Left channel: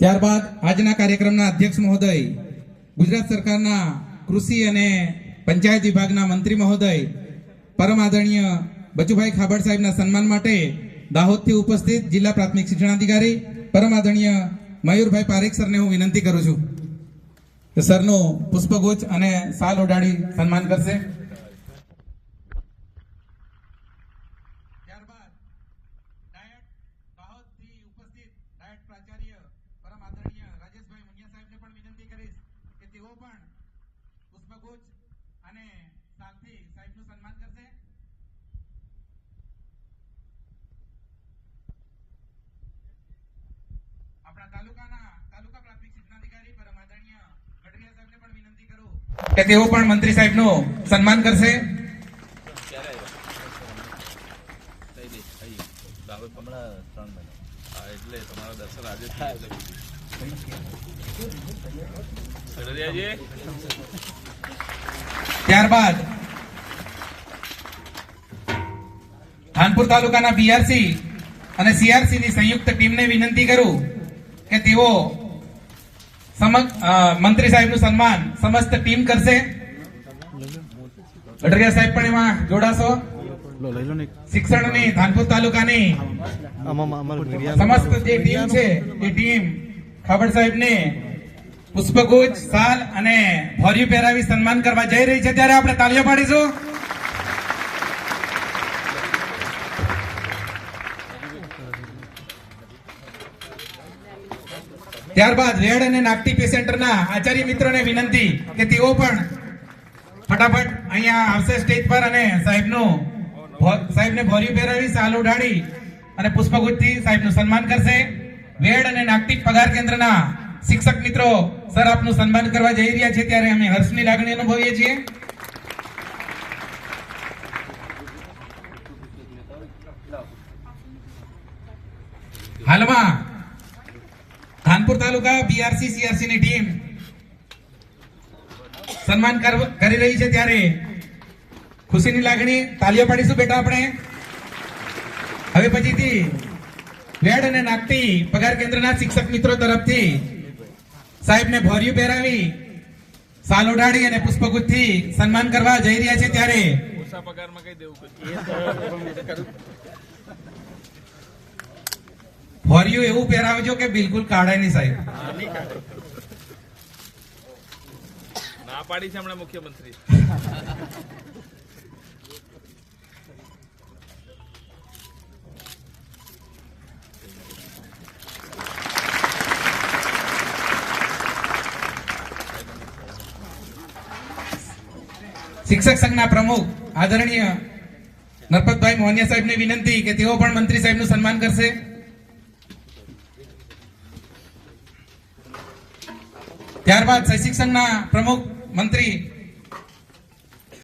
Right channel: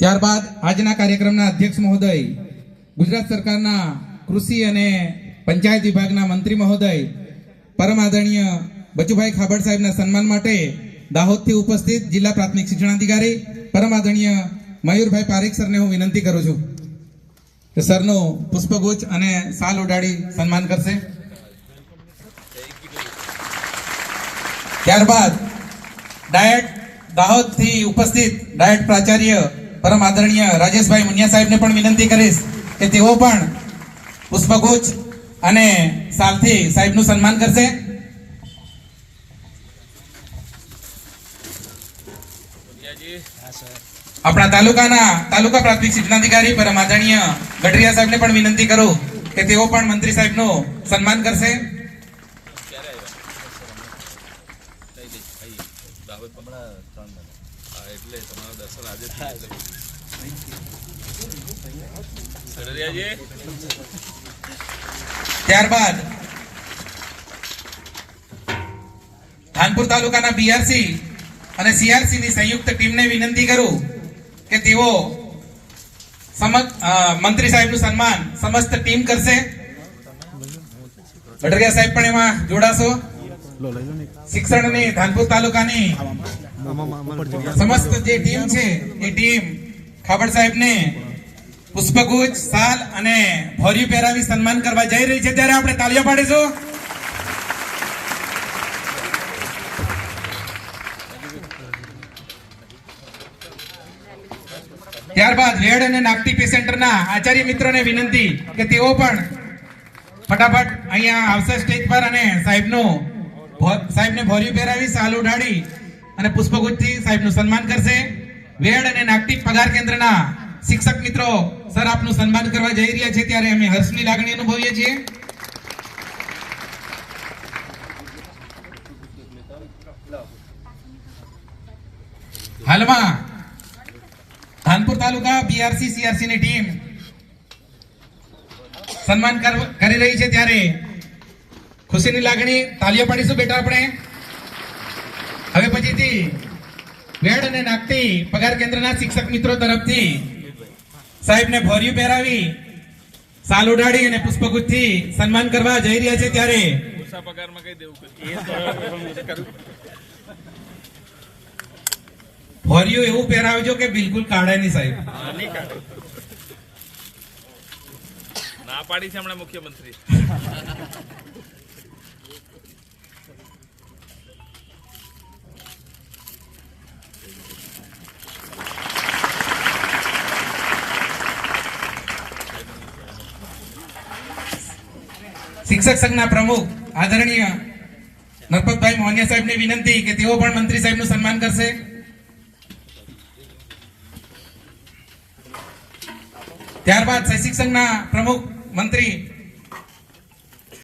ત્યારબાદ આજના કાર્યક્રમના અધ્યક્ષ મહોદય, ગુજરાત સરકારના કૃષિ અને પંચાયત વિભાગના મંત્રી મહોદય પરમ આદરણીય બચુભાઈ ખાબડ સાહેબના સન્માન માટે દાહોદથી ઉપસ્થિત જિલ્લા પ્રાથમિક શિક્ષણાધિકારી પરમ આદરણીય મયુરભાઈ પારેખ સરને હું વિનંતી કરું છું કે સરનું પુષ્પગુચ્છ અને શાલ ઓઢાડી સન્માન કરશે. ત્યારબાદ ડાયટ દાહોદથી ઉપસ્થિત ડાયટ પ્રાચાર્ય પરમ આદરણીય રાજેશભાઈ મુનિયા સાહેબને પણ વિનંતી કરીશ કે તેઓ પણ પુષ્પગુચ્છ અને શાલથી સાહેબનું સન્માન કરશે. આપણા તાલુકા પ્રાથમિક શિક્ષણાધિકારી પરમ આદરણીય ગઢરિયા સાહેબને પણ વિનંતી કરું કે તેઓ પણ મંત્રી સાહેબનું સન્માન કરશે. ત્યારબાદ ધાનપુર તાલુકાના બીઆરસી અને સીઆરસી ની સંયુક્ત ટીમને વિનંતી કરું કે તેઓ મંત્રી સાહેબનું સન્માન સમસ્ત ટીમ કરશે. ગઢરિયા સાહેબ પણ એમાં જોડાશો. શિક્ષણની ધાનપુર તાલુકાની સમસ્ત જે ટીમ છે એ ટીમ ખાબડ સાહેબને પુષ્પગુચ્છ, શાલ અને ભોરિયું પહેરાવી સન્માન કરવા જઈ રહી છે, ત્યારે આપણે તાળીઓ પાડીશું. ત્યારબાદ રેડ અને નાગટી સેન્ટરના આચાર્ય મિત્રોને વિનંતી કે તેઓ પણ ફટાફટ અહીંયા આવશે સ્ટેજ પર અને સાહેબને ભોરિયું પહેરાવી શાલ ઓઢાડી અને પુષ્પગુચ્છથી સાહેબનું સન્માન કરશે. વેડ અને નાગટી પગાર કેન્દ્રના શિક્ષક મિત્રો સર આપનું સન્માન કરવા જઈ રહ્યા છે, ત્યારે અમે હર્ષની લાગણી અનુભવીએ છીએ. હાલમાં ધાનપુર તાલુકા બીઆરસી સીઆરસી ની ટીમ સન્માન કરી રહી છે, ત્યારે ખુશીની લાગણી તાલીઓ પાડીશું બેટા આપણે. હવે પછીથી રેડ અને નાગટી પગાર કેન્દ્રના શિક્ષક મિત્રો તરફથી સાહેબને ભોરિયું પહેરાવી શાલ ઓઢાડી અને પુષ્પગુચ્છથી સન્માન કરવા જઈ રહ્યા છે, ત્યારે ભોરિયું એવું પહેરાવજો કે બિલકુલ કાઢે નહીં સાહેબ. ના પાડી છે હમણાં મુખ્યમંત્રી. શિક્ષક સંઘના પ્રમુખ આદરણીય નરપતભાઈ મોહનિયા સાહેબને વિનંતી કે તેઓ પણ મંત્રી સાહેબનું સન્માન કરશે. ત્યારબાદ શિક્ષક સંઘના પ્રમુખ મંત્રી